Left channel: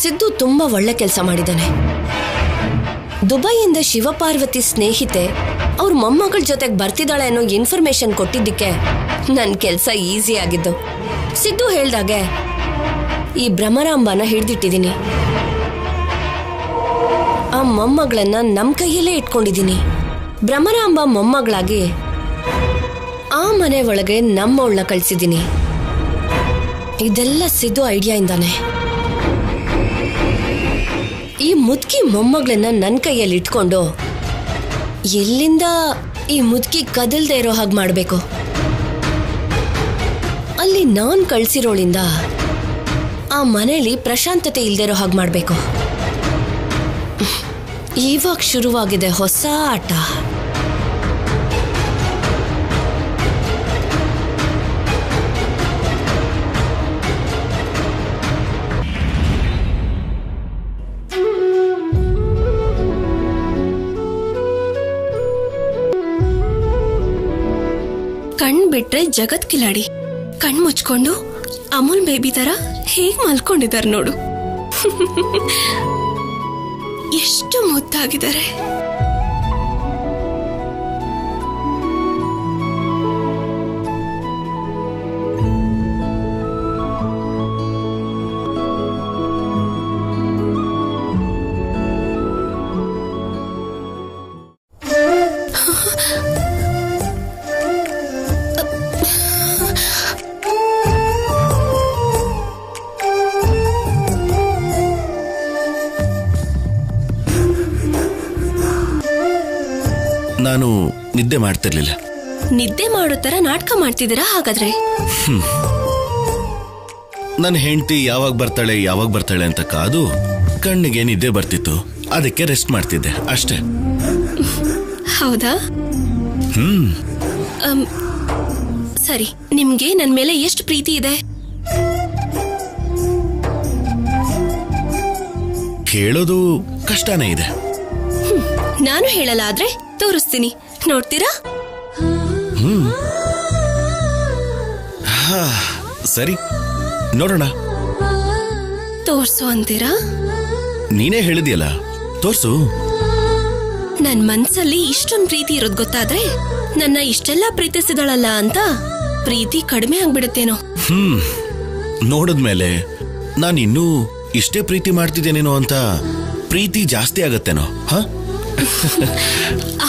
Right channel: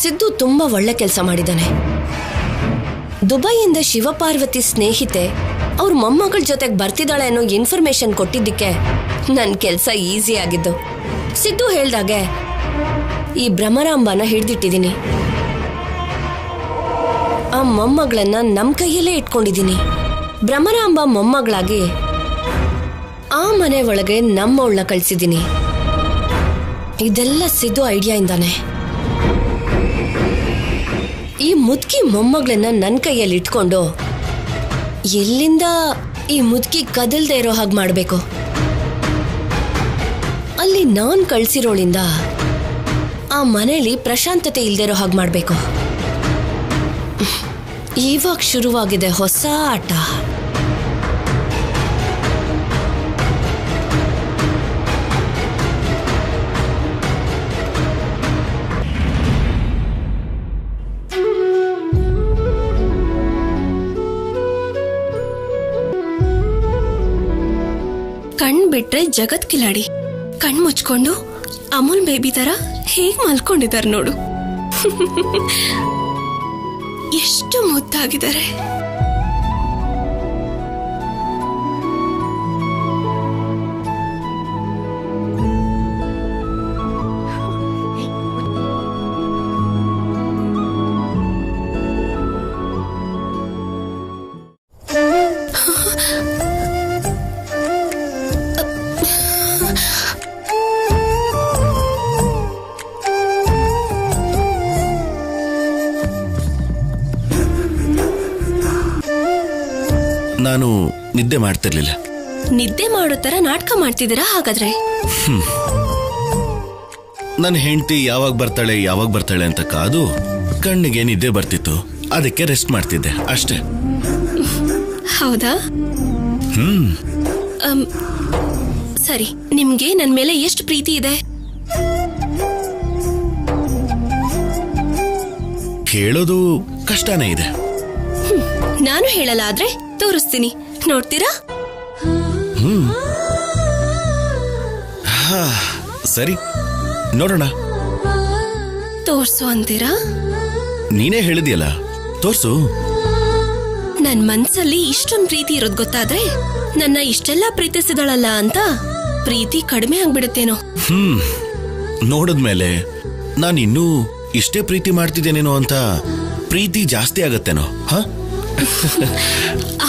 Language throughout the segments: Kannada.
ಸಿದ್ದು ತುಂಬಾ ಒಳ್ಳೆ ಕೆಲಸ ಮಾಡಿದಾನೆ. ದುಬೈಯಿಂದ ಶಿವಪಾರ್ವತಿ ಸ್ನೇಹಿತೆ ಅವ್ರ ಮೊಮ್ಮಗಳ ಜೊತೆಗೆ ಬರ್ತಿದ್ದಾಳೆ ಅನ್ನೋ ಇನ್ಫಾರ್ಮೇಶನ್ ಕೊಟ್ಟಿದ್ದಕ್ಕೆ ನನ್ನ ಕೆಲಸ ಈಸಿ ಆಗಿದ್ದು. ಸಿದ್ದು ಹೇಳ್ದಾಗೆ ಈ ಭ್ರಮರಾಂಬನ ಹಿಡ್ದಿಟ್ಟಿದ್ದೀನಿ. ಆ ಮೊಮ್ಮಗಳನ್ನ ನಮ್ ಕೈಯಲ್ಲೇ ಇಟ್ಕೊಂಡಿದ್ದೀನಿ. ಭ್ರಮರಾಂಬ ಮೊಮ್ಮಗಳಾಗಿ ಆ ಮನೆ ಒಳಗೆ ನಮ್ಮವಳನ್ನ ಕಳ್ಸಿದ್ದೀನಿ. ಇದೆಲ್ಲ ಸಿದ್ದು ಐಡಿಯಾ ಇಂದಾನೆ. ಈ ಮುದುಕಿ ಮೊಮ್ಮಗಳನ್ನ ನನ್ನ ಕೈಯಲ್ಲಿ ಇಟ್ಕೊಂಡು ಎಲ್ಲಿಂದ ಈ ಮುದುಕಿ ಕದಲ್ದೇ ಇರೋ ಹಾಗೆ ಮಾಡಬೇಕು. ಅಲ್ಲಿ ನಾನ್ ಕಳ್ಸಿರೋಳಿಂದ ಆ ಮನೆಯಲ್ಲಿ ಪ್ರಶಾಂತತೆ ಇಲ್ದೇ ಇರೋ ಹಾಗೆ ಮಾಡಬೇಕು. ಇವಾಗ ಶುರುವಾಗಿದೆ ಹೊಸ ಆಟ. ಕಣ್ ಬಿಟ್ರೆ ಜಗತ್ ಕಿಲಾಡಿ, ಕಣ್ ಮುಚ್ಕೊಂಡು ಅಮೂಲ್ ಬೇಬಿ ತರ ಹೇಗ್ ಮಲ್ಕೊಂಡಿದ್ದಾರೆ ನೋಡು. ಎಷ್ಟು ಮುದ್ದಾಗಿದ್ದಾರೆ. ನಾನು ನಿದ್ದೆ ಮಾಡ್ತಿರ್ಲಿಲ್ಲ. ನಿದ್ದೆ ಮಾಡೋ ತರ ನಾಟಕ ಮಾಡ್ತಿದ್ದೀರಾ ಹಾಗಾದ್ರೆ? ನನ್ನ ಹೆಂಡತಿ ಯಾವಾಗ ಬರ್ತಾಳೆ ಅಂತ ಕಾದು ಕಣ್ಣಿಗೆ ನಿದ್ದೆ ಬರ್ತಿತ್ತು. ಅದಕ್ಕೆ ರೆಸ್ಟ್ ಮಾಡ್ತಿದ್ದೆ ಅಷ್ಟೇ. ಹೌದಾ? ಸರಿ, ನಿಮ್ಗೆ ನನ್ ಮೇಲೆ ಎಷ್ಟು ಪ್ರೀತಿ ಇದೆ? ಹೇಳೋದು ಕಷ್ಟನೇ ಇದೆ. ನಾನು ಹೇಳಲ್ಲ, ಆದ್ರೆ ತೋರಿಸ್ತೀನಿ, ನೋಡ್ತೀರಾ? ಸರಿ, ನೋಡೋಣ. ತೋರ್ಸು ಅಂತೀರಾ? ನೀನೇ ಹೇಳಿದ್ಯಲ್ಲ, ತೋರ್ಸು. ನನ್ ಮನ್ಸಲ್ಲಿ ಇಷ್ಟೊಂದು ಪ್ರೀತಿ ಇರೋದ್ ಗೊತ್ತಾದ್ರೆ ನನ್ನ ಇಷ್ಟೆಲ್ಲ ಪ್ರೀತಿಸಿದಳಲ್ಲ ಅಂತ ಪ್ರೀತಿ ಕಡಿಮೆ ಆಗ್ಬಿಡುತ್ತೇನೋ. ನೋಡಿದ್ಮೇಲೆ ನಾನು ಇನ್ನೂ ಇಷ್ಟೇ ಪ್ರೀತಿ ಮಾಡ್ತಿದ್ದೇನೇನೋ ಅಂತ ಪ್ರೀತಿ ಜಾಸ್ತಿ ಆಗತ್ತೇನೋ.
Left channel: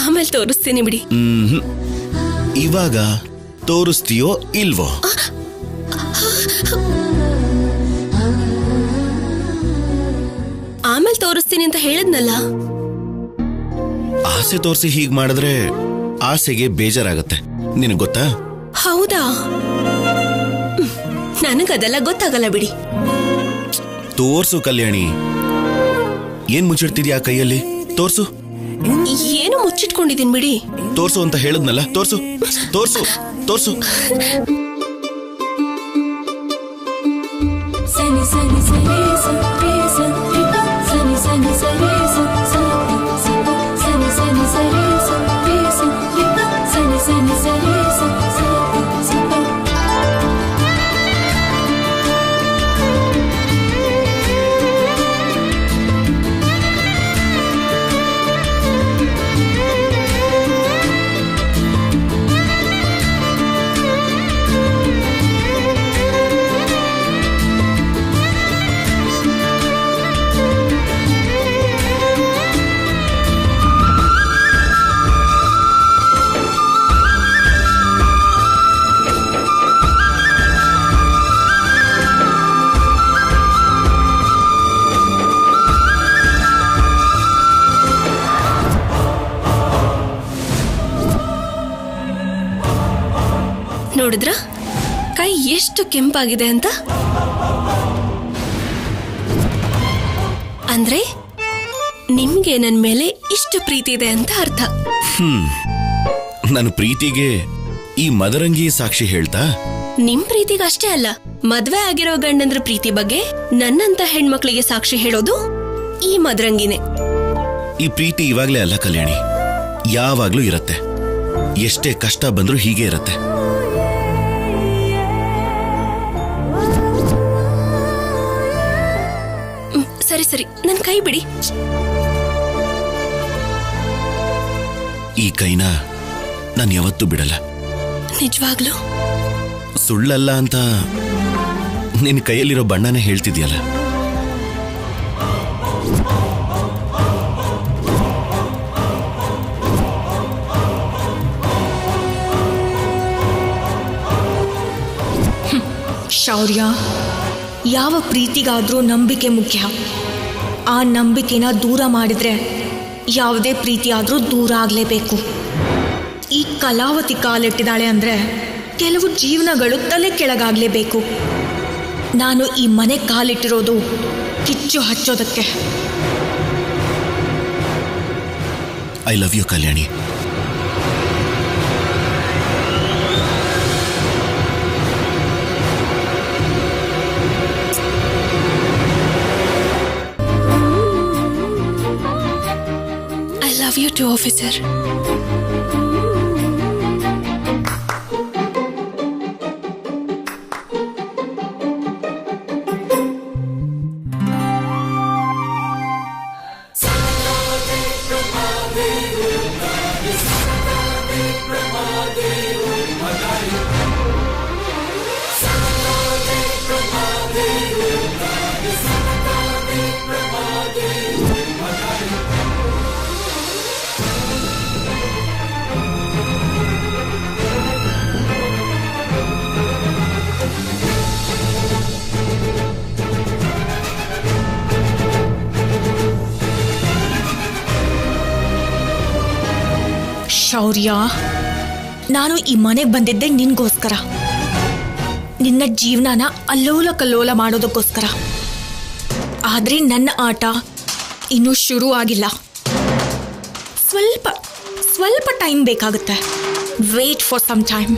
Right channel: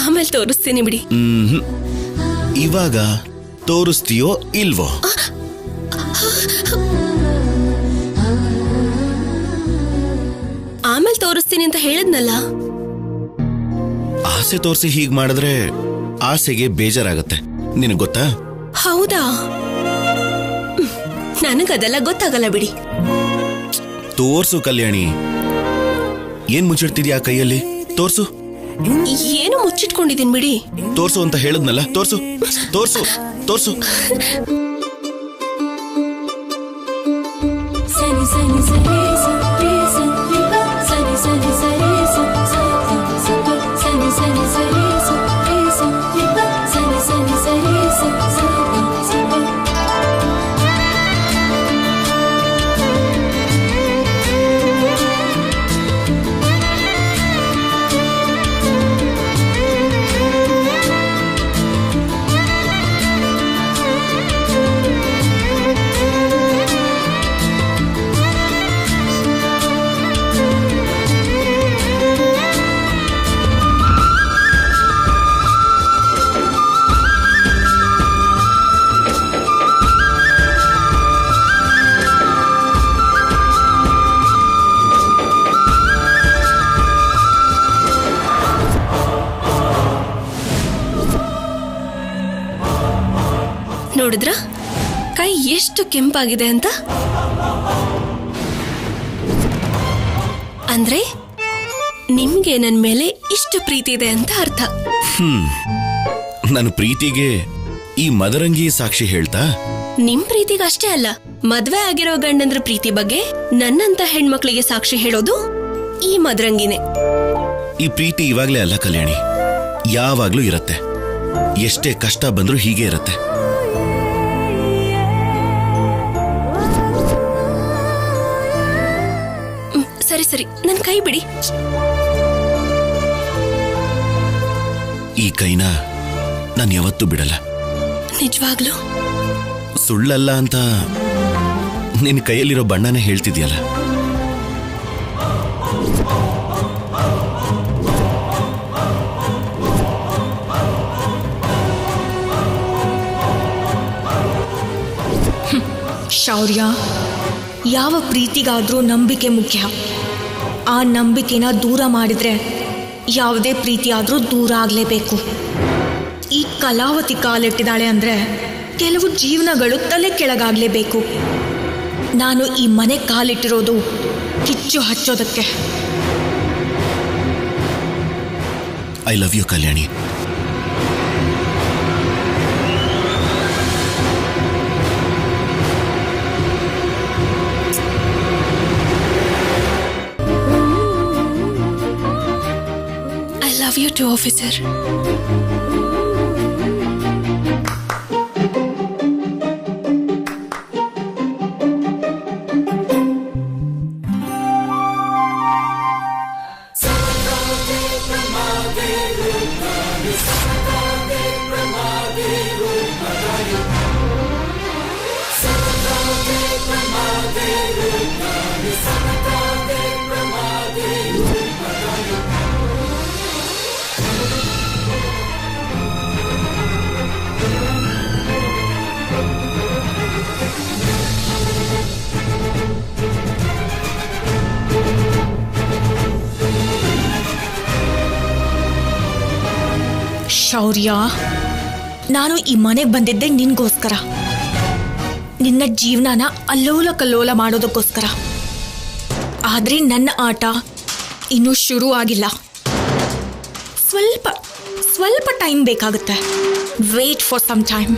ಆಮೇಲೆ ತೋರಿಸ್ತೀನಿ ಬಿಡಿ. ಇವಾಗ ತೋರಿಸ್ತೀಯೋ ಇಲ್ವೋ? ಆಮೇಲೆ ತೋರಿಸ್ತೀನಿ ಅಂತ ಹೇಳಿದ್ನಲ್ಲ. ಆಸೆ ತೋರಿಸಿ ಹೀಗ್ ಮಾಡಿದ್ರೆ ಆಸೆಗೆ ಬೇಜಾರಾಗತ್ತೆ, ನಿನಗ್ ಗೊತ್ತಾ? ಹೌದಾ? ನನಗದೆಲ್ಲ ಗೊತ್ತಾಗಲ್ಲ ಬಿಡಿ. ತೋರ್ಸು ಕಲ್ಯಾಣಿ. ಏನ್ ಮುಚ್ಚಿಡ್ತಿದ್ಯಾ ಕೈಯಲ್ಲಿ? ತೋರ್ಸು. ಏನು ಮುಚ್ಚಿಟ್ಕೊಂಡಿದ್ದೀನಿ ಬಿಡಿ. ತೋರ್ಸು ಅಂತ ಹೇಳದ್ನಲ್ಲ, ತೋರ್ಸು ತೋರ್ಸು ತೋರ್ಸು. ನೋಡಿದ್ರ ಕೈ ಎಷ್ಟು ಕೆಂಪಾಗಿದೆ ಅಂತ? ಅಂದ್ರೆ ನಿಮ್ಗೆ ನನ್ ಮೇಲೆ ಇಷ್ಟು ಪ್ರೀತಿ ಇದೆ ಅಂತ ಅರ್ಥ. ನನ್ನ ಪ್ರೀತಿಗೆ ಈ ಮದರಂಗಿ ಸಾಕ್ಷಿ ಹೇಳ್ತಾ? ನಿಮ್ ಪ್ರೀತಿಗೆ ಅಷ್ಟೇ ಅಲ್ಲ, ಮದ್ವೆ ಆಗಿರೋ ಗಂಡಂದ್ರ ಪ್ರೀತಿ ಬಗ್ಗೆ ನನ್ನಂತ ಹೆಣ್ಮಕ್ಳಿಗೆ ಸಾಕ್ಷಿ ಹೇಳೋದು ಈ ಮದರಂಗಿನೇ. ಈ ಪ್ರೀತಿ ಇವಾಗ್ಲೇ ಅಲ್ಲ ಕಲ್ಯಾಣಿ, ಯಾವಾಗ್ಲೂ ಇರತ್ತೆ. ಎಷ್ಟೇ ಕಷ್ಟ ಬಂದ್ರೂ ಹೀಗೆ ಇರತ್ತೆ. ಸರಿ ಸರಿ, ನನ್ ಕೈ ಬಿಡಿ. ಈ ಕೈನ ನಾನು ಯಾವತ್ತೂ ಬಿಡಲ್ಲ. ನಿಜವಾಗ್ಲು? ಸುಳ್ಳಲ್ಲ ಅಂತ ನಿನ್ನ ಕೈಯಲ್ಲಿರೋ ಬಣ್ಣನೇ ಹೇಳ್ತಿದ್ಯಲ್ಲ. ಶೌರ್ಯ, ಯಾವ ಪ್ರೀತಿಗಾದ್ರೂ ನಂಬಿಕೆ ಮುಖ್ಯ. ಆ ನಂಬಿಕೆನ ದೂರ ಮಾಡಿದ್ರೆ ಯಾವುದೇ ಪ್ರೀತಿ ಆದ್ರೂ ದೂರ ಆಗ್ಲೇಬೇಕು. ಈ ಕಲಾವತಿ ಕಾಲಿಟ್ಟಿದ್ದಾಳೆ ಅಂದ್ರೆ ಕೆಲವು ಜೀವನಗಳು ತಲೆ ಕೆಳಗಾಗ್ಲೇಬೇಕು. ನಾನು ಈ ಮನೆ ಕಾಲಿಟ್ಟಿರೋದು ಕಿಚ್ಚು ಹಚ್ಚೋದಕ್ಕೆ. I love you Kalyani. I love you too, officer. ಶೌರ್ಯ, ನಾನು ಈ ಮನೆಗೆ ಬಂದಿದ್ದೆ ನಿನ್ಗೋಸ್ಕರ, ನಿನ್ನ ಜೀವನನ ಅಲ್ಲೋಲ ಕಲ್ಲೋಲ ಮಾಡೋದಕ್ಕೋಸ್ಕರ. ಆದ್ರೆ ನನ್ನ ಆಟ ಇನ್ನೂ ಶುರು ಆಗಿಲ್ಲ. ಸ್ವಲ್ಪ ಟೈಮ್ ಬೇಕಾಗುತ್ತೆ. Wait for some time.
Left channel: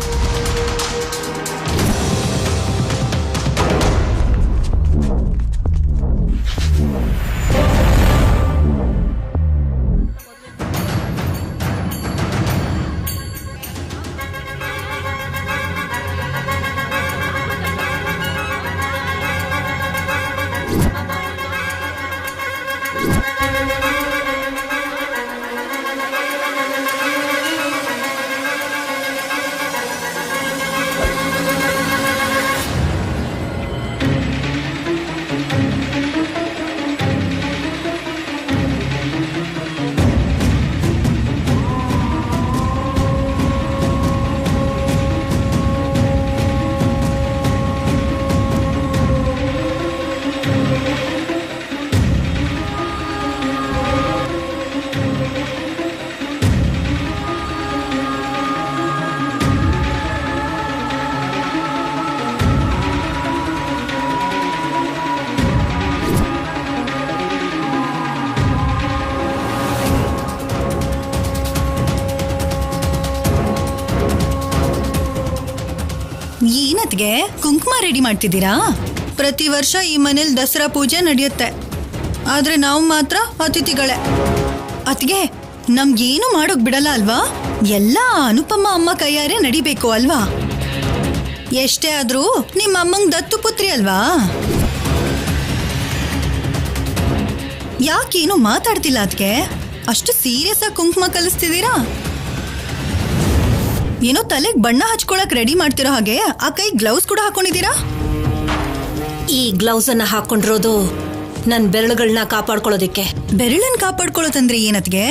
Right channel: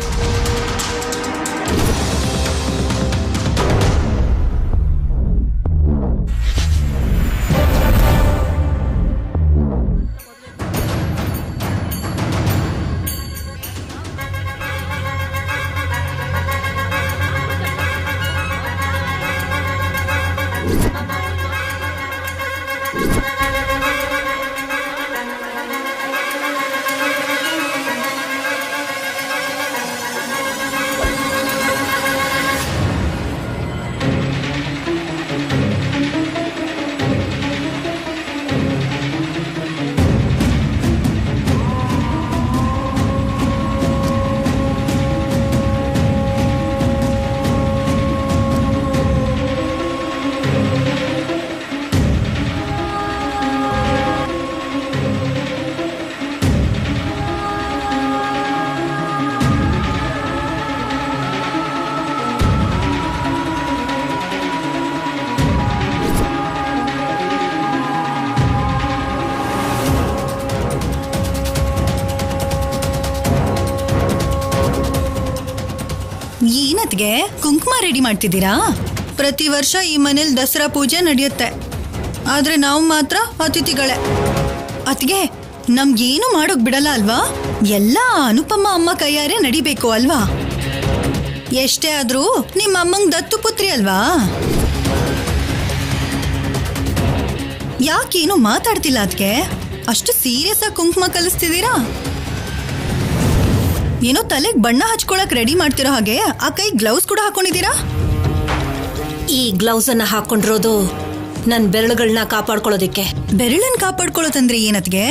ಏನತ್ಗೆ ಕುಂಕುಮ ರೆಡಿ ಮಾಡ್ತಿದ್ದೀರಾ? ಪ್ರತಿ ವರ್ಷ ಈ ಮನೇಲಿ ದಸರಾ ಪೂಜೆ ನಡೆಯುತ್ತೆ, ಆದ್ರೆ ನಾವು ಮಾತ್ರ ಅತಿಥಿಗಳೇ. ಅತ್ಗೆ ನಮ್ಗೇನು ಮಾಡೋಕ್ ಬಿಡಲ್ಲ ಅಲ್ವಾ? ಎಲ್ಲ ಅನುಪಮ್ಮ ಅಮ್ಮ ಕೈಯಾರೆ ನಡಿಬೇಕು ಅಲ್ವಾ? ಎಷ್ಟೇ ಆದ್ರೂ ನಿಮ್ಮ ಅಮ್ಮಂಗ್ ದತ್ತು ಪುತ್ರಿ ಅಲ್ವಾ? ಯಾಕೇನು ಮಾತಾಡ್ತಿಲ್ಲ ಅದ್ಕೆ? ಅಷ್ಟು ಸೀರಿಯಸ್ ಆಗಿ ಕುಂಕುಮ ಕಲಿಸ್ತಿದ್ದೀರಾ? ಏನೋ ತಲೆಗೆ ಬಣ್ಣ ಹಚ್ಕೊಳಕ್ ರೆಡಿ ಮಾಡ್ತಿರೋ ಹಾಗೆ ಆ ಕೈ ಗ್ಲೌಸ್ ಕೂಡ ಹಾಕೊಂಡಿದ್ದೀರಾ? ಈ ಗ್ಲೌಸ್ ಅನ್ನ ಹಾಕೊಂಡಿರೋದು ನನ್ ಬೆರಳುಗಳನ್ನ ಕಾಪಾಡ್ಕೊಳ್ಳೋದಿಕ್ಕೆ. ಬೆರಳನ್ನ ಕಾಪಾಡ್ಕೊಳ್ಳೋದಂದ್ರೆ ಏನತ್ಗೆ?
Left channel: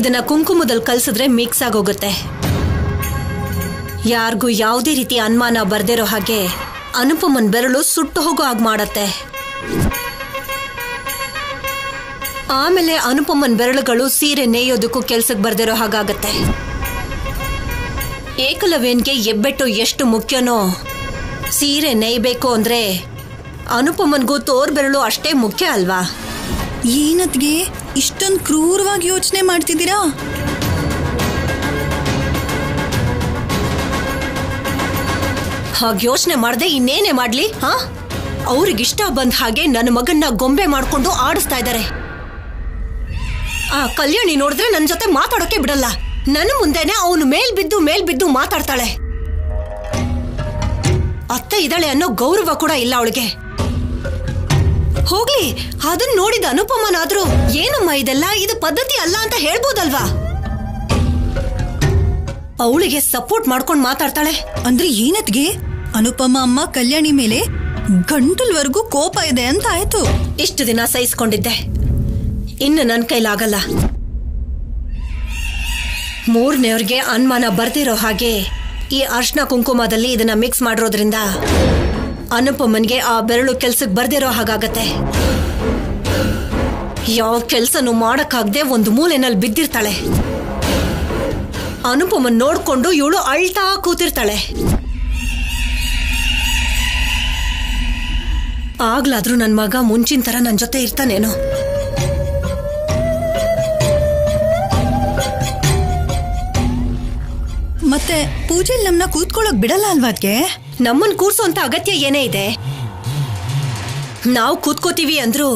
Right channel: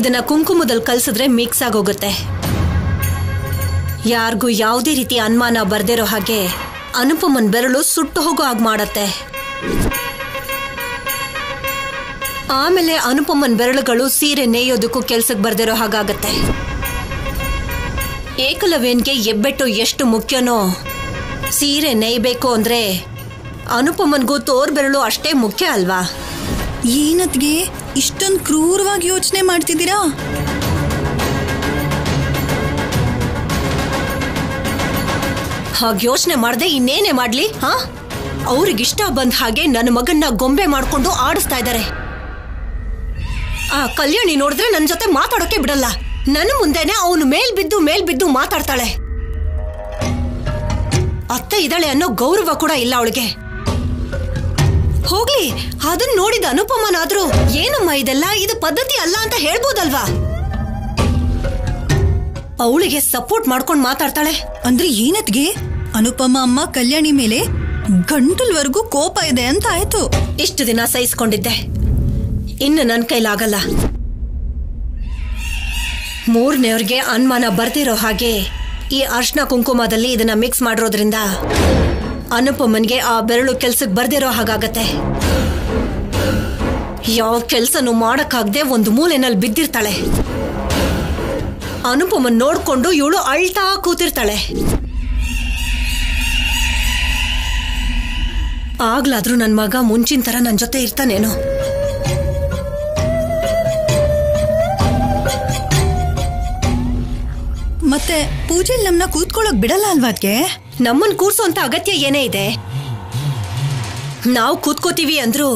ಇದನ್ನ ಕುಂಕುಮದಲ್ಲಿ ಕಲ್ಸಿದ್ರೆ ಮಿಕ್ಸ್ ಆಗೋಗುತ್ತೆ. ಯಾರಿಗೂ ಯಾವುದೇ ರೀತಿ ಅನುಮಾನ ಬರ್ದಿರೋ ಹಾಗೆ ಅನುಪಮನ್ ಬೆರಳು ಸುಟ್ಟು ಹೋಗೋ ಹಾಗೆ ಮಾಡತ್ತೆ. ಆಮೇಲೆ ಅನುಪಮನ್ ಬೆರಳುಗಳು ಸೀರೆ ನೇಯೋದಕ್ಕೂ ಕೆಲ್ಸಕ್ಕೆ ಬರ್ದಿರೋ ಹಾಗಾಗತ್ತೆ. ಏಕಲವ್ಯನ್ಗೆ ಹೆಬ್ಬೆಟ್ಟು ಎಷ್ಟು ಮುಖ್ಯನೋ, ಸೀರೆ ನೇಯ್ಬೇಕು ಅಂದ್ರೆ ಅನುಪಮನ್ಗೂ ತೋರ್ ಬೆರಳು ಅಷ್ಟೇ ಮುಖ್ಯ ಅಲ್ವಾ? ಏನತ್ಗೆ ಇಷ್ಟೊಂದು ಕ್ರೂರವಾಗಿ ಯೋಚನೆ ಮಾಡ್ತಿದ್ದೀರಾ? ಹಾಗೆ ಯೋಚನೆ ಮಾಡದೆ ಇನ್ನೇನೆ ಮಾಡ್ಲಿ? ಅವ್ರಿಗಿಷ್ಟ ಬಂದ ಹಾಗೆ ನನ್ನ ಮಗನ್ನ ಗೊಂಬೆ ಮಾಡ್ಕೊಂಡು ಆಡಿಸ್ತಾ ಇದ್ದಾರೆ. ಆ ಕಲ್ಯಾಣಿ ನೋಡಿದ್ರೆ ನನ್ನ ಜೊತೆ ಮಾತಾಡೋಕೆ ಬಿಡಲ್ಲ. ನನ್ನ ಮುಂದೆನೆ ಅವನು ಮೇಲ್ಬಿದ್ದು ಮಾತಾಡ್ತಾಳೆ. ಅತ್ತೆ ಇದ್ದಾಳೆ ಅನ್ನೋ ಗೌರವ ಕೂಡ ಇಲ್ಲ ಅವಳಿಗೆ. ಹೋಗ್ಲಿ, ಅದನ್ನ ನೋಡಿದ ಅನುಪಮನಾದ್ರೂ ಏನಮ್ಮ ಇದೆಲ್ಲ, ಇದು ಪದ್ಧತಿ ಅಲ್ಲ ಅಂತ ಹೇಳ್ಬೋದಲ್ವಾ? ಅವಳಿಗೆ ಸಪೋರ್ಟ್ ಮಾಡ್ಕೊಂಡು ಮಾತಾಡ್ತಾಳೆ. ಅಂದ್ರೆ ಏನತ್ಗೆ ಅನುಪಮ ಅಮ್ಮ ಕಲ್ಯಾಣಿ ಮೇಲೆ ಗಂಟಲ್ವರೆಗೂ ಕೋಪ ಇದೆ ಅಂತ ಆಯ್ತು. ಇಷ್ಟು ದಿನ ಸಹಿಸ್ಕೊಂಡಿದ್ದೆ, ಇನ್ನು ನನ್ನ ಕೈಲಾಗಲ್ಲ. ಮೂರನೇವ್ರಿಗೆ ಅನುಮಾನ ಬರ್ದಿರೋ ಹಾಗೆ ಈ ಅರ್ಶನ ಕುಂಕುಮದಲ್ಲಿ ಇದನ್ನ ಮಿಕ್ಸ್ ಮಾಡಿರೋದ್ರಿಂದ ಅನುಪಮನ್ಗೆ ಆ ಬೆರಳು ಕೆಲ್ಸಕ್ಕೆ ಬರ್ದಿರೋ ಹಾಗಾಗತ್ತೆ. ಯಾವ ಕೆಲ್ಸನೂ ಮಾಡಕ್ಕಾಗದೆ ಒಂದು ಮೂಲೆನಲ್ಲಿ ಬಿದ್ದಿರ್ತಾಳೆ. ಅನುಪಮನ್ ನೋಡ್ಕೊಂಡು ಇವಳು ಅಳ್ತಾ ಕೂತಿರ್ತಾಳೆ. ಆಗ್ಲಾದ್ರೂ ನನ್ ಮಗ ಮುಂಚಿನ ತರ ನನ್ ಜೊತೆ ಇರ್ತಾನೇನೋ. ಮತ್ತೆ ಪೂಜೆಲ್ ನಮ್ನ ಕೂತ್ಕೊಳ್ಳೋಕ್ ಬಿಡಲ್ಲ ಅಲ್ವಾ ಅದ್ಕೆ? ನಮ್ಮನ್ ಕೂರ್ಸೋಂತ ಅಗತ್ಯ ಏನೇ ಇದೆ? ನಾವು ಕೂತ್ಕೋತೀವಿ ಅಂದ್ರು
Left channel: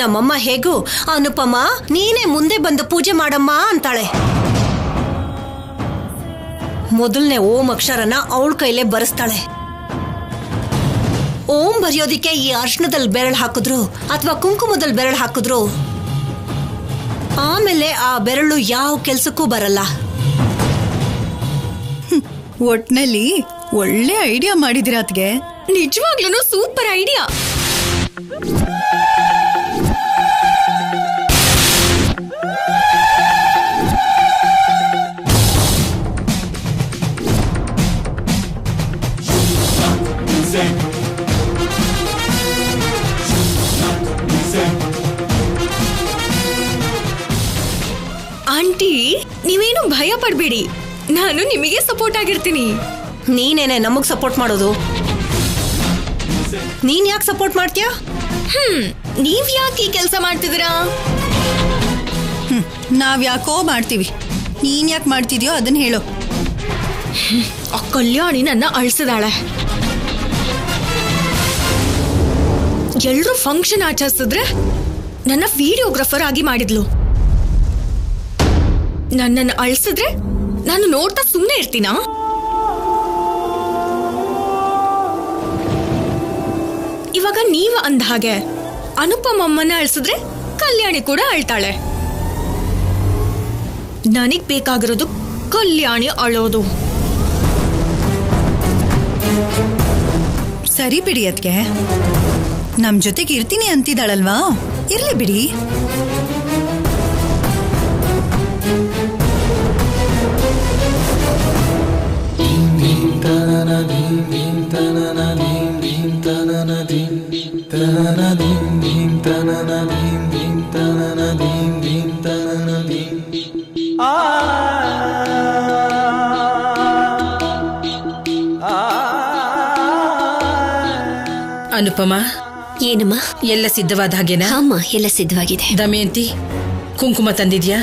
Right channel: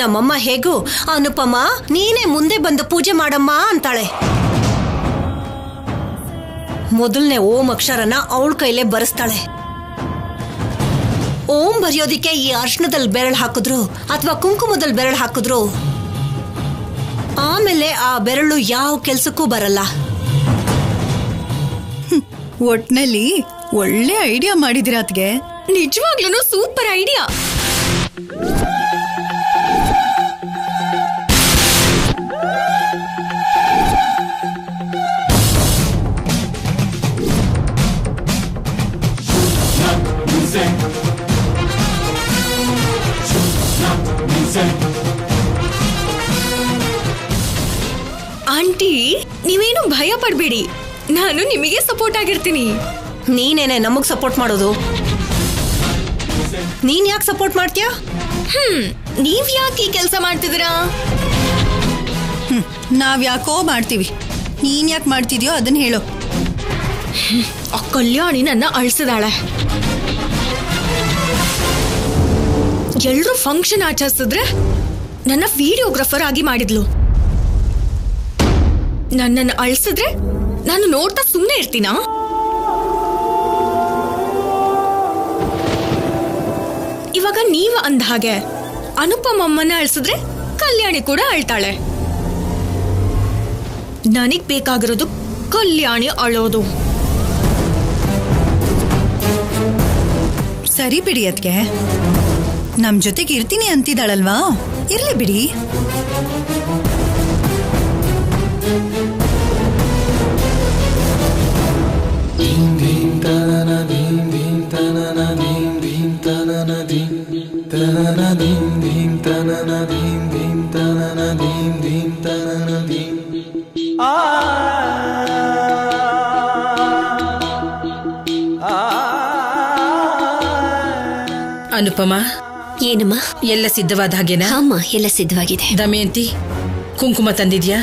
ನಮ್ಮಮ್ಮ ಹೇಗೂ ಅನುಪಮ ನೀನೇ ಮುಂದೆ ಬಂದು ಪೂಜೆ ಮಾಡಮ್ಮ ಅಂತಾಳೆ. ಮೊದಲನೇ ಓಂ ಅಕ್ಷರನ ಅವಳ ಕೈಲೇ ಬರೆಸ್ತಾಳೆ. ಓಂ ಬರೆಯೋದಿಕ್ಕೆ ಈ ಅರ್ಶನದಲ್ಲಿ ಬೆರಳು ಹಾಕಿದ್ರು ಅಥವಾ ಕುಂಕುಮದಲ್ಲಿ ಬೆರಳು ಹಾಕಿದ್ರು ಆಮೇಲೆ ಆ ಬೆರಳು ಯಾವ ಕೆಲ್ಸಕ್ಕೂ ಬರಲ್ಲ. ಒಟ್ನಲ್ಲಿ ಒಳ್ಳೆ ಐಡಿಯಾ ಮಾಡಿದಿರ ಅದ್ಗೆ. ನಿಜವಾಗ್ಲೂ ಸೂಪರ್ ಐಡಿಯಾ. ಆಂಟಿ, ನೀವೇನು ಭಯ ಪಡ್ಬೇಡಿ, ನಾನು ನಿಮಗೆ ಸಪೋರ್ಟ್ ಆಗಿರ್ತೀನಿ. ನೀನೇನೆ ನಮಗ್ ಸಪೋರ್ಟ್ ಮಾಡೋದು. ನೀನ್ ಯಾಕೆ ಸಪೋರ್ಟ್ ಮಾಡ್ತೀಯಾ? ನೀವ್ ಯಾಕೆ ಈ ಕೆಲಸ ಮಾಡ್ತಿದ್ದೀರಾ? ನಾವ್ ಯಾಕೋ ಮಾಡ್ತೀವಿ, ನೀನ್ ಯಾಕೆ ಮಾಡ್ತಿದ್ಯೋ ಅದನ್ನ ಹೇಳು. ಆ ಕಲ್ಯಾಣಿ ನನ್ನ ಅಳಿಸಿದಾಳೆ. ಎಲ್ರೂ ಫಂಕ್ಷನ್ ಆಚರಿಸಿದ್ರೆ ನನ್ನ ವಿಡಿಯೋಗ್ರಾಫರ್ ಆಗಿ ಮಾಡಿದ್ಲು. ನನ್ನನ್ನು ಅಳಿಸಿದ್ರೆ ನಾನು ನೋಡ್ತಾ ಸುಮ್ಮನೆ ಇರ್ತೀನಾ? ಇವಾಗ ನೀವ ಅಂದ ಹಾಗೆ ಅನುಪಮಮ್ಮನ ಅಳಿಸಿದ್ರೆ ಕಲ್ಯಾಣಿ ಕೂಡ ಅಳ್ತಾಳೆ. ನನಗ್ ಬೇಕಾಗಿರೋದು ಕಲ್ಯಾಣಿ ಅಳೋದು. ಸರಿ ಬಿಡಿ ಅದ್ಕೆ, ನಮ್ ಜೊತೆಗೆ ಇರ್ತೀನಿ ಅಂತಿದ್ದಾಳಲ್ವಾ, ಇರ್ಲಿ ಬಿಡಿ. ಅನುಪಮ, ಏನಮ್ಮ? ಎಲ್ಲ ಸಿದ್ಧವಾದ ಹಾಗೇನಾ? ಅಮ್ಮ, ಎಲ್ಲ ಸಿದ್ಧವಾಗಿದೆ. ದಮಯಂತಿ, ಕುಂಕುಮ ತಂದಿದ್ಯಾ?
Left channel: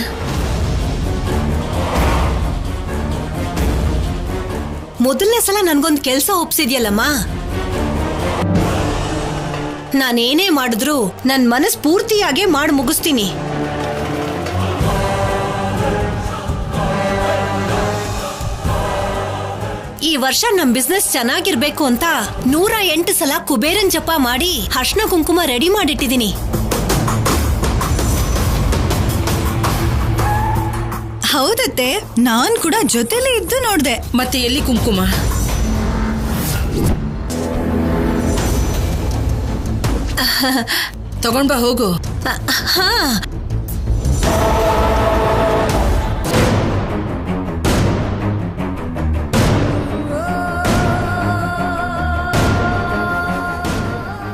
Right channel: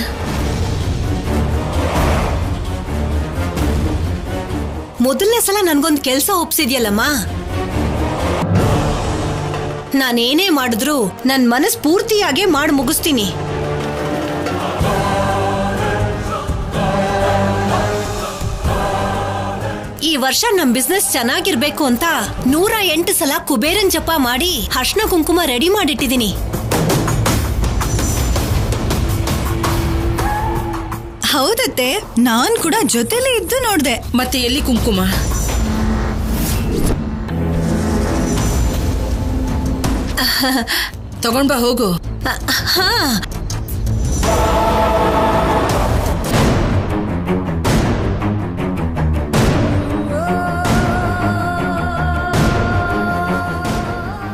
ಮೊದಲನೇ ಸಲ ನನ್ಗೊಂದು ಕೆಲಸ ಒಪ್ಸಿದ್ಯಲ್ಲಮ್ಮ. ನಾನೇನೇ ಮಾಡಿದ್ರು ನನ್ ಮನಸ್ ಪೂರ್ತಿಯಾಗೆ ಮಾಡಿ ಮುಗಿಸ್ತೀನಿ. ಈ ವರ್ಷ ನಮ್ ಬಿಸ್ನೆಸ್ ಚೆನ್ನಾಗಿರ್ಬೇಕು ಅಂತ 108 ಸಲ ಕುಬೇರನ್ ಜಪ ಮಾಡಿ ಅರ್ಶನ ಕುಂಕುಮ ರೆಡಿ ಮಾಡಿಟ್ಟಿದ್ದೀನಿ. ಹೌದತ್ತೆ, ನಾನ್ ಕೂಡ ಜೊತೆಲೇ ಇದ್ದು ನೋಡ್ದೆ. ಮತ್ತೆ ಎಲ್ಲಿ ಕುಂಕುಮ? ತಗೊಂಡ್ಬಾ, ಹೋಗು. ಹಾ,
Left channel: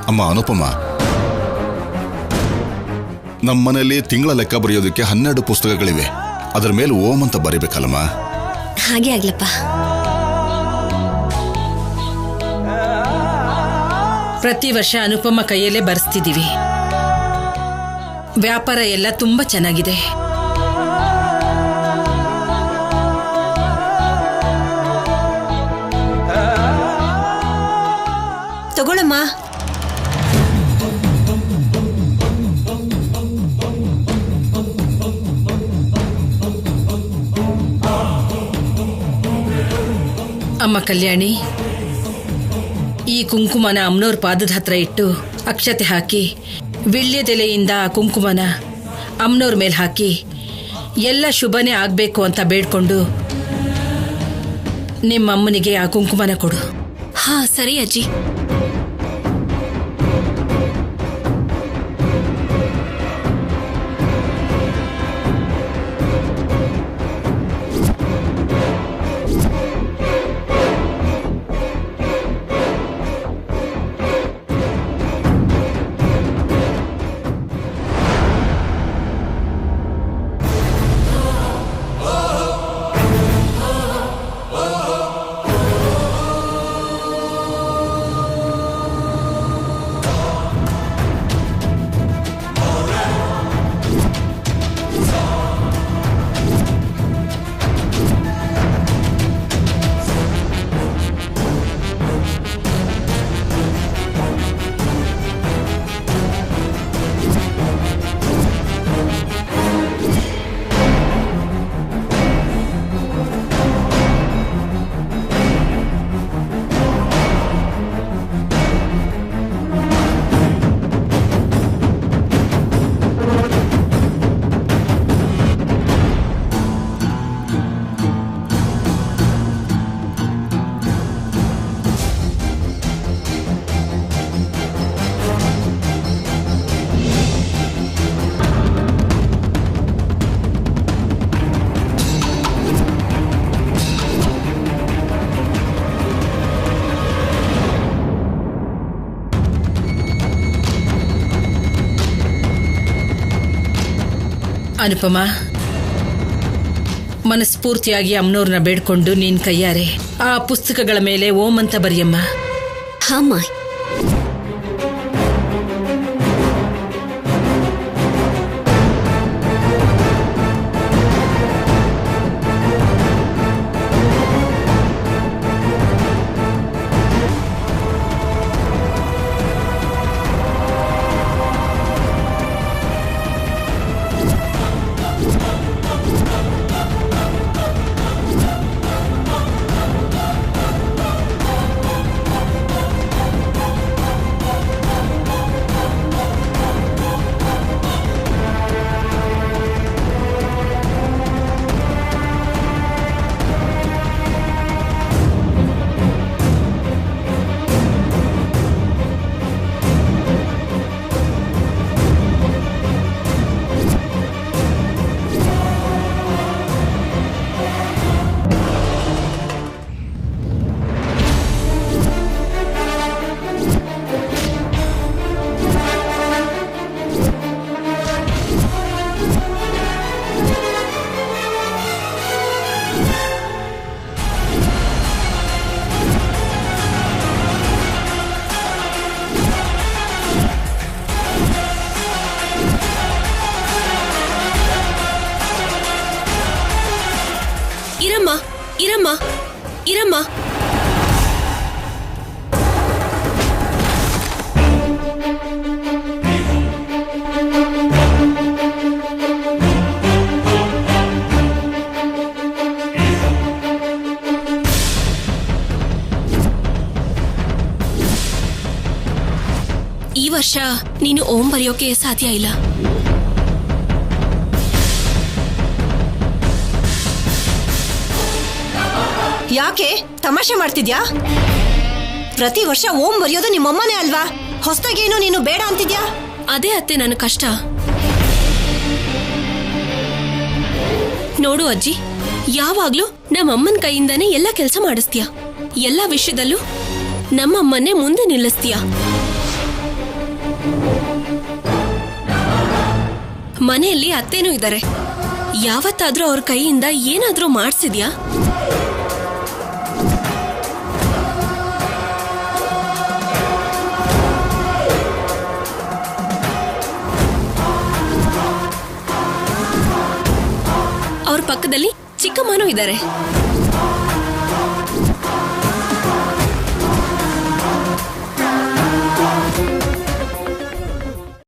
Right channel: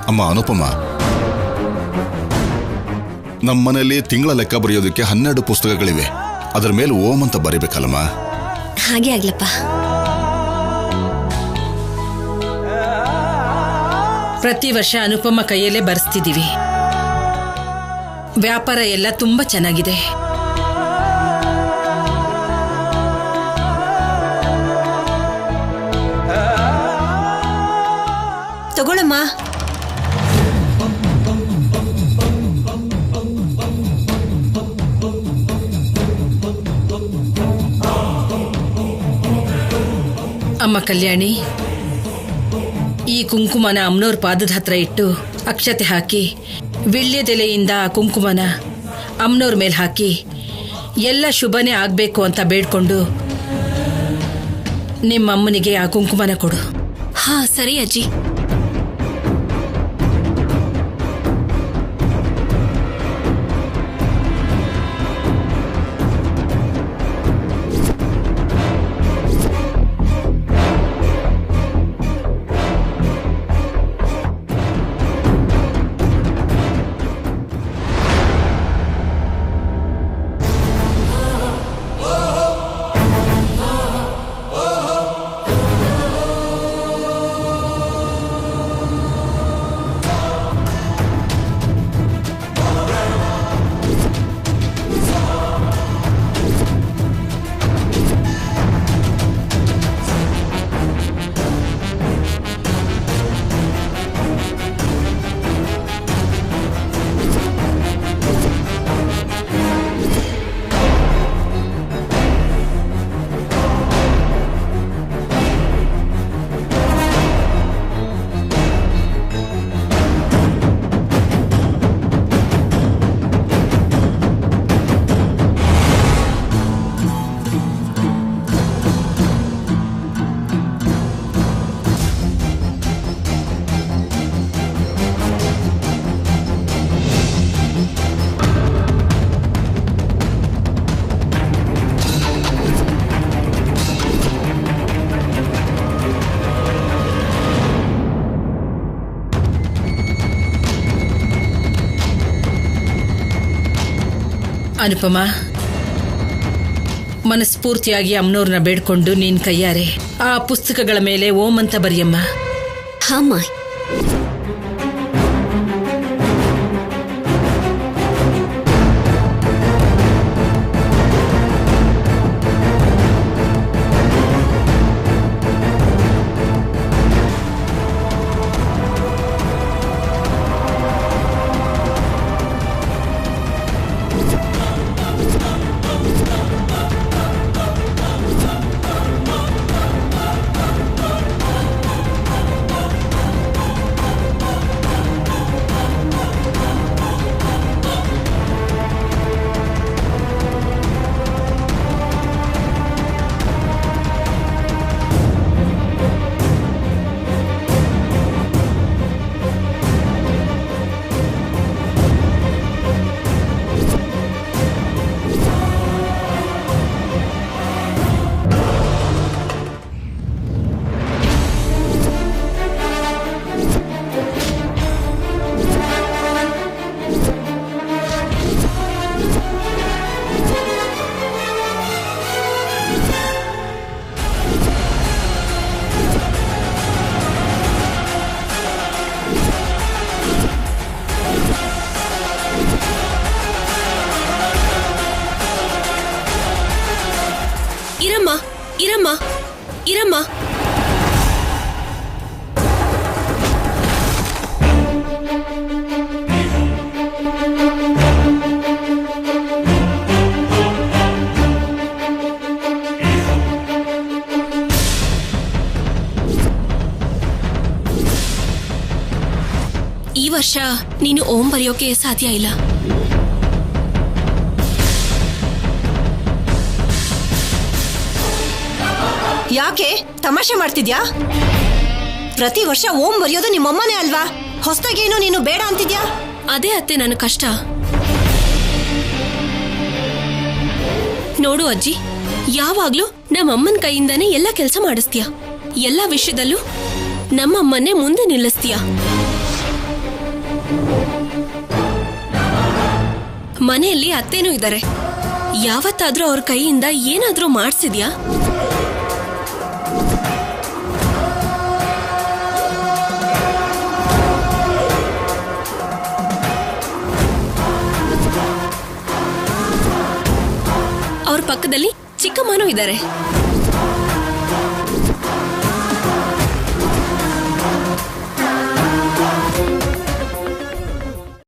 ಅಮ್ಮ ಅನುಪಮ, ನಮ್ಮನೇಲಿ ತಿಂಗಳ ಲೆಕ್ಕ ಬರೆಯೋದಕ್ಕೆ 12 ಪುಸ್ತಕಗಳಿವೆ. ಅದರ ಮೇಲೆ ಓಂ ಅಂತ ಬರಿಬೇಕಲ್ಲಮ್ಮ. ಹಾಗೆ ಆಗ್ಲಪ್ಪ. ಪ್ರತಿ ವರ್ಷ ಅನುಪಮ ಕೈಯಲ್ಲೇ ಬರ್ಸ್ತಿದೀವಿ. ವ್ಯಾಪಾರ ಎಲ್ಲ ತುಂಬಾ ಚೆನ್ನಾಗಿದೆ. ತಗೊಳಮ್ಮ. ಅಮ್ಮ ಕಲ್ಯಾಣಿ, ಈ ಕುಂಕುಮನ ಅಮ್ಮನವ್ರ ಪಾದದ ಹತ್ರ ಇಟ್ಟು ಅಕ್ಷತೆ ಹಾಕಿ ವಿಳ್ಯದೆಲೆಯಿಂದ ಆ ಕುಂಕುಮನ ಅಮ್ಮನವ್ರ ಮೇಲೆ ಹಾಕಿ ಎಲ್ಲ ಶುಭನೇ ಆಗಬೇಕು ಅಂತ ಬೇಡ್ಕೊಂಡು ನಿಮ್ಮ ಅಮ್ಮನಿಗೆ ಆ ಕುಂಕುಮನ ಕೊಡು. ಹಾ ಸರಿ ಅಜ್ಜಿ. ಅನುಪಮ, ಮನಸ್ಫೂರ್ತಿಯಾಗಿ ಅಮ್ಮನವ್ರನ್ನ ಬೇಡ್ಕೊಂಡು ನೀನ್ ಕೈಯಾರೆ ಆ ಪುಸ್ತಕಗಳ ಮೇಲೆ ಓಂ ಅಂತ ಬರೆಯಮ್ಮ. ಹಾಮ್ಮ. ಇರಮ್ಮ ಇರಮ್ಮ ಇರಮ್ಮ. ಈ ವರ್ಷ ನೀನು ಓಂ ಬರೆಯೋಕೆ ಸಾಧ್ಯ ಇಲ್ಲ. ಯಾಕೆ ತಮಾಷೆ ಮಾಡ್ತಿದ್ಯಾ? ಪ್ರತಿ ವರ್ಷ ಓಂ ಬರೆಯೋದು ನಿಮ್ಮಮ್ಮನೇ ಅಲ್ವಾ? ಹೊಸದಾಗೇನು ನೀನು ಬೇಡ ಅಂತಿದ್ಯಾ? ಅದೇ ಅತ್ತೆ ನನ್ನ ಕಷ್ಟ. ನೋಡು ಅಜ್ಜಿ, ಯಾವಾಗ್ಲೂ ನಮ್ಮಮ್ಮನ ಕೈಯಿಂದಾನೇ ಎಲ್ಲ ಕೆಲಸ ಮಾಡಿಸ್ತೀಯ. ಎಲ್ಲ ವಿಷಯದಲ್ಲೂ ನಮ್ಮಮ್ಮನ್ನೇ ಮುಂದೆ ನಿಲ್ಲಿಸ್ತೀಯ. ಮನೆಯಲ್ಲಿ ಅತ್ತೇನೂ ಇದ್ದಾರೆ. ಯಾವತ್ತಾದ್ರೂ ಅವ್ರ ಕೈಯಿಂದ ಏನಾದ್ರೂ ಮಾಡಿಸಿದ್ಯಾ? ಅವ್ರ ಪಕ್ಕದಲ್ಲಿ ಚಿಕ್ಕಮ್ಮನೂ ಇದ್ದಾರೆ.